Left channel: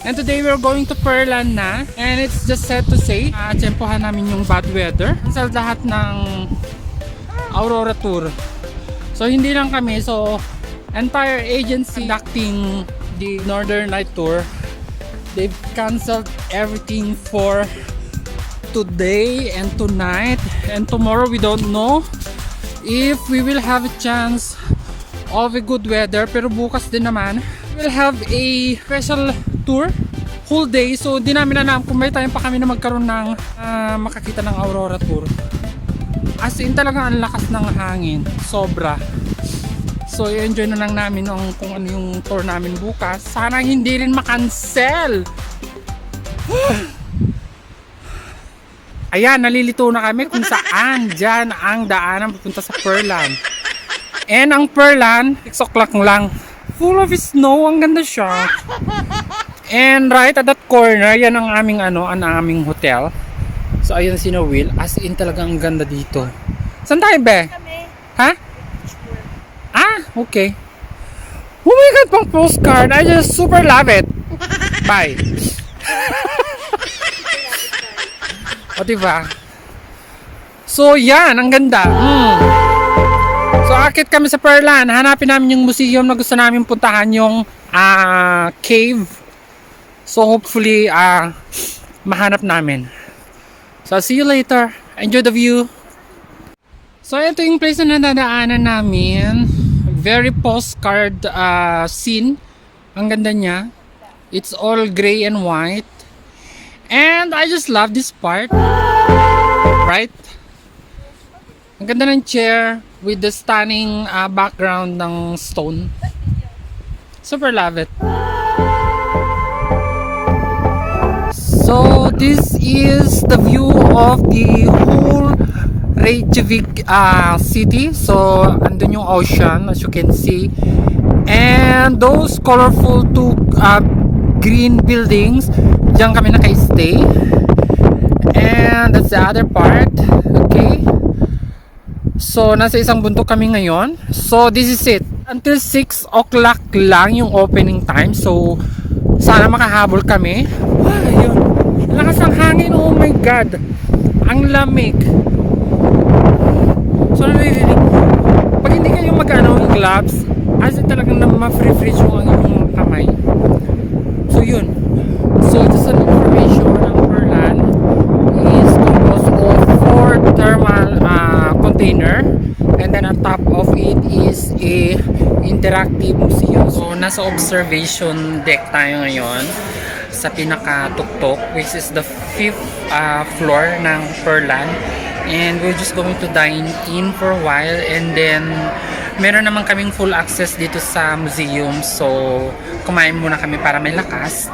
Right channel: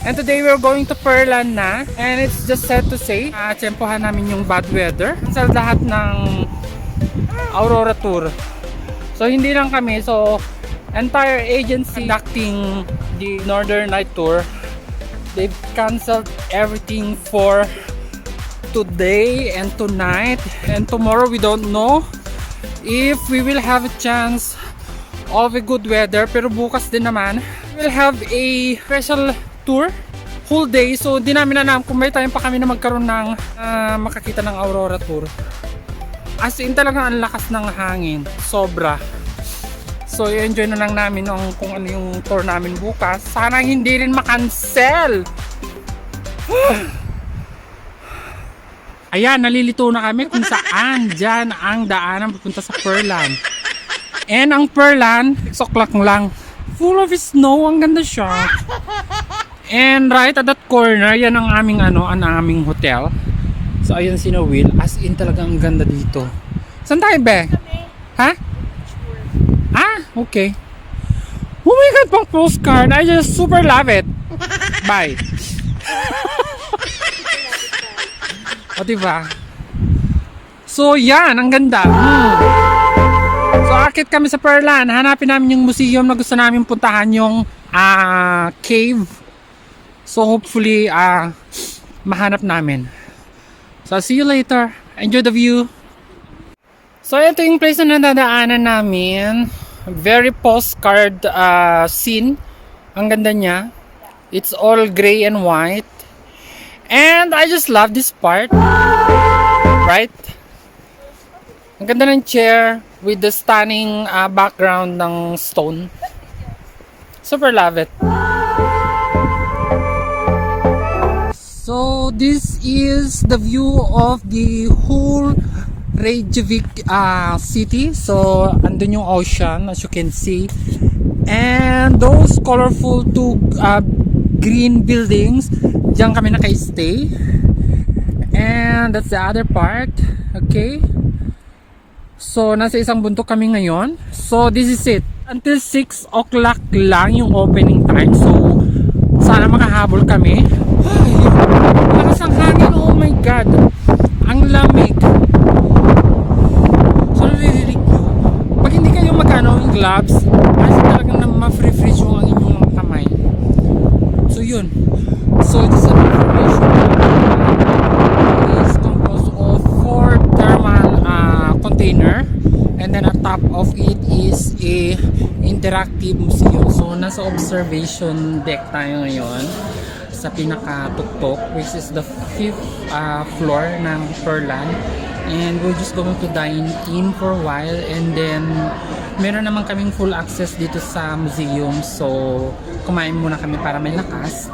And today we're going to Perlan na. And it's just set to say, tsempohan namin yung bad weather. Sa lahat ng Aurora Tour. So hindi lang kami, so entire agency conducting the Northern Light Tour, they've canceled everything for today and tonight, and tomorrow we don't know if we will have a chance of a good weather. Pero bukas din naman we will have a special tour whole day, so di namin alam kung may time pa kami na magkaroon ng makakita ng Aurora Tour. As in talagang ang lakas ng hangin, sobra. So i-enjoy na lang namin kung ano yung tour namin bukas. Sana hindi rin makancel. Ayan, nalilito na kami kung saan dyan ang daanan papunta sa Perlan. And ang Perlan, 6 o'clock lang. Full of snow, ang ganda siya. And right at that corner, yan ang aming ang aming hotel. So ayun si Will, as in talagang ganda dito. Saan tayo be? Ha? Ah, okay. Oh my god, pang postcard. I just super love it. Bye. O diba? So yan, ang ganda. So akit kami sa Perlan. Hanapin namin yung museum na gusto namin puntahan, yung cave. So hopefully mahanap namin. So see you later. Enjoy the view. So ito yung place na nadadaanan namin. Very postcard scene. Ang ganda niya. It's all gray and white. And I just love this part. Right? Ang ganda ng chair with the stunning background ng stone. Super love it. So this is the view of the whole Reykjavik city. So andun yung ocean, as you can see. And those colorful two green buildings, diyan kami naka-stay. And that's the other part. Okay. So nasa isang bundok kami ngayon. So this is it. Until 6 o'clock lang yung opening time. So sana makahabol kami. Ay, lakas ng hangin. Oh my god. Ang lamig. So naririnig. Pag hindi kayo magano yung gloves, as talagang na ma-freeze yung ang inyong kamay. So yun. So this information is composed of 4 thermal container, and then on top of it is a interactive museum. So nasa observation deck tayo ngayon sa pinaka-tuktok, which is the 5th floor ng Perlan. And we're just going to dine in for a while, and then meron naman kaming full access dito sa museum. So kumain muna kami para may lakas.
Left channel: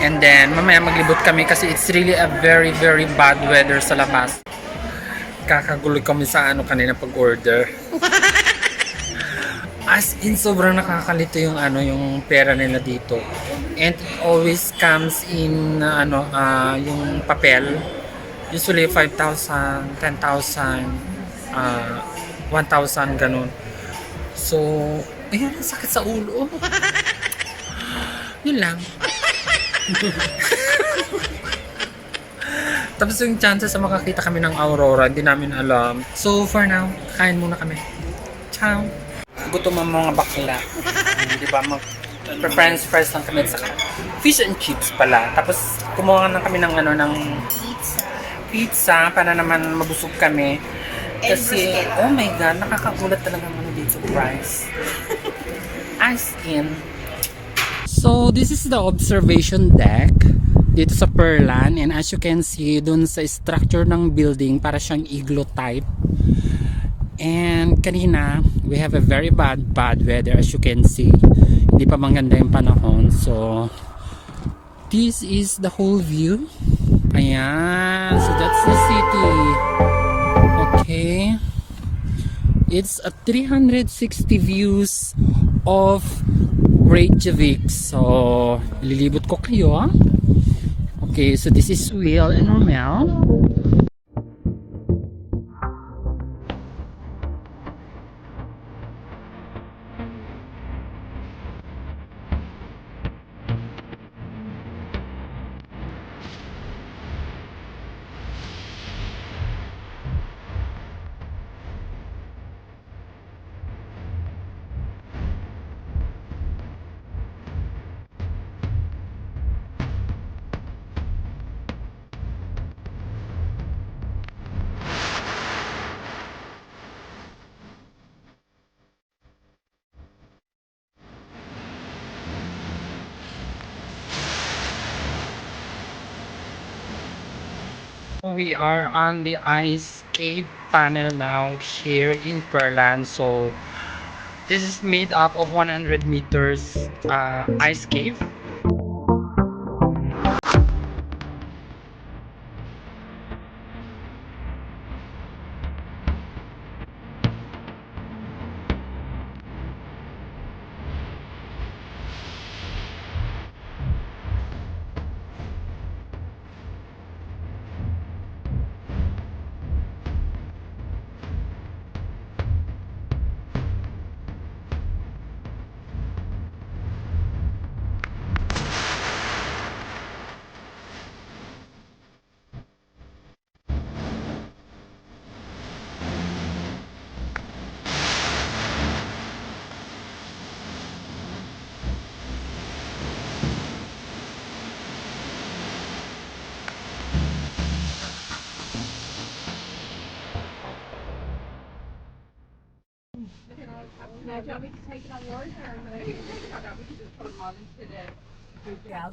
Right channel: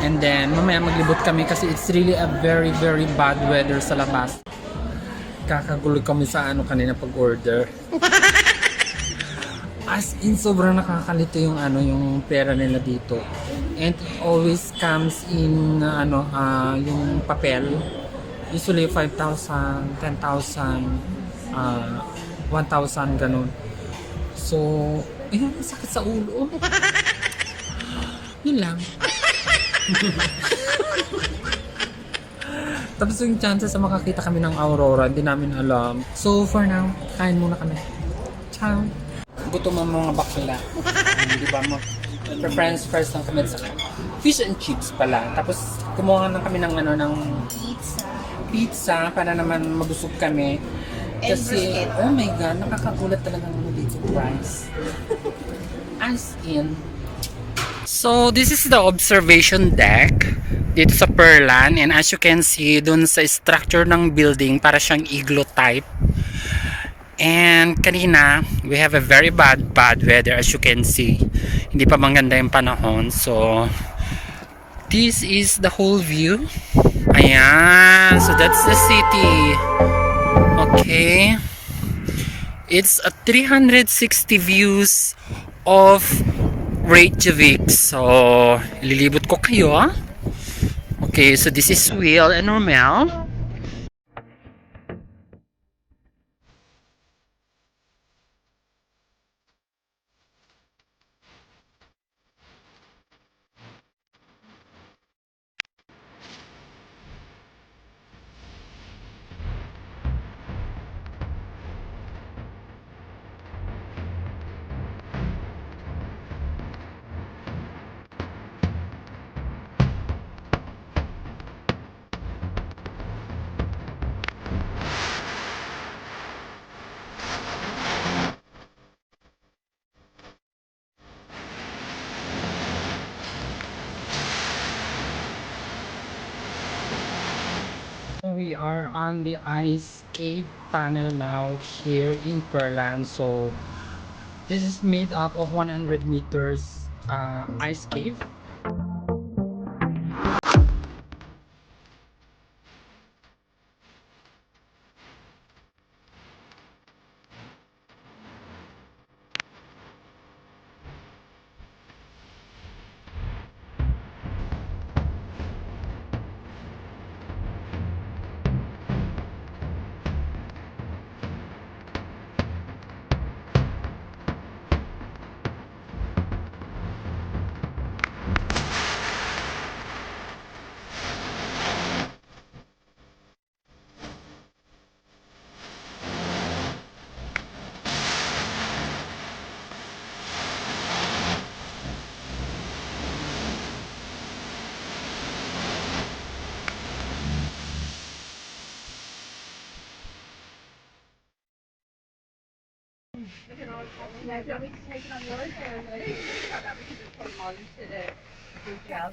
And then mamaya maglibot kami kasi it's really a very very bad weather sa labas. Kakagulo kami sa kanina pag-order. As in sobrang nakakalito yung yung pera nila dito. And it always comes in yung papel. Usually 5,000, 10,000, 1,000 ganun. So, ayun, ang sakit sa ulo. Yun lang. Tapos yung chances na makakita kami ng Aurora, hindi namin alam. So for now, kain muna kami. Ciao! Gutom ang mga bakla. Di ba? Preference fries lang kami sa fish and chips pala. Tapos kumuha lang kami ng pizza para naman mabusog kami. Kasi, oh my god, nakakagulat talaga dito sa price. As in. So, this is the observation deck dito sa Perlan, and as you can see dun sa structure ng building, para siyang igloo type. And kanina we have a very bad weather, as you can see. Hindi pa maganda yung panahon. So this is the whole view. Ayan, so that's the city. Okay, it's a 360 views of Reykjavik. So lilibot ko kayo. Okay, so this is Will and Romel. we are on the ice cave panel now here in Perlan. So this is made up of 100 meters ice cave. Yeah, do you want me to take it on yours or is it? Yeah, we can just put them on into the group. Yeah.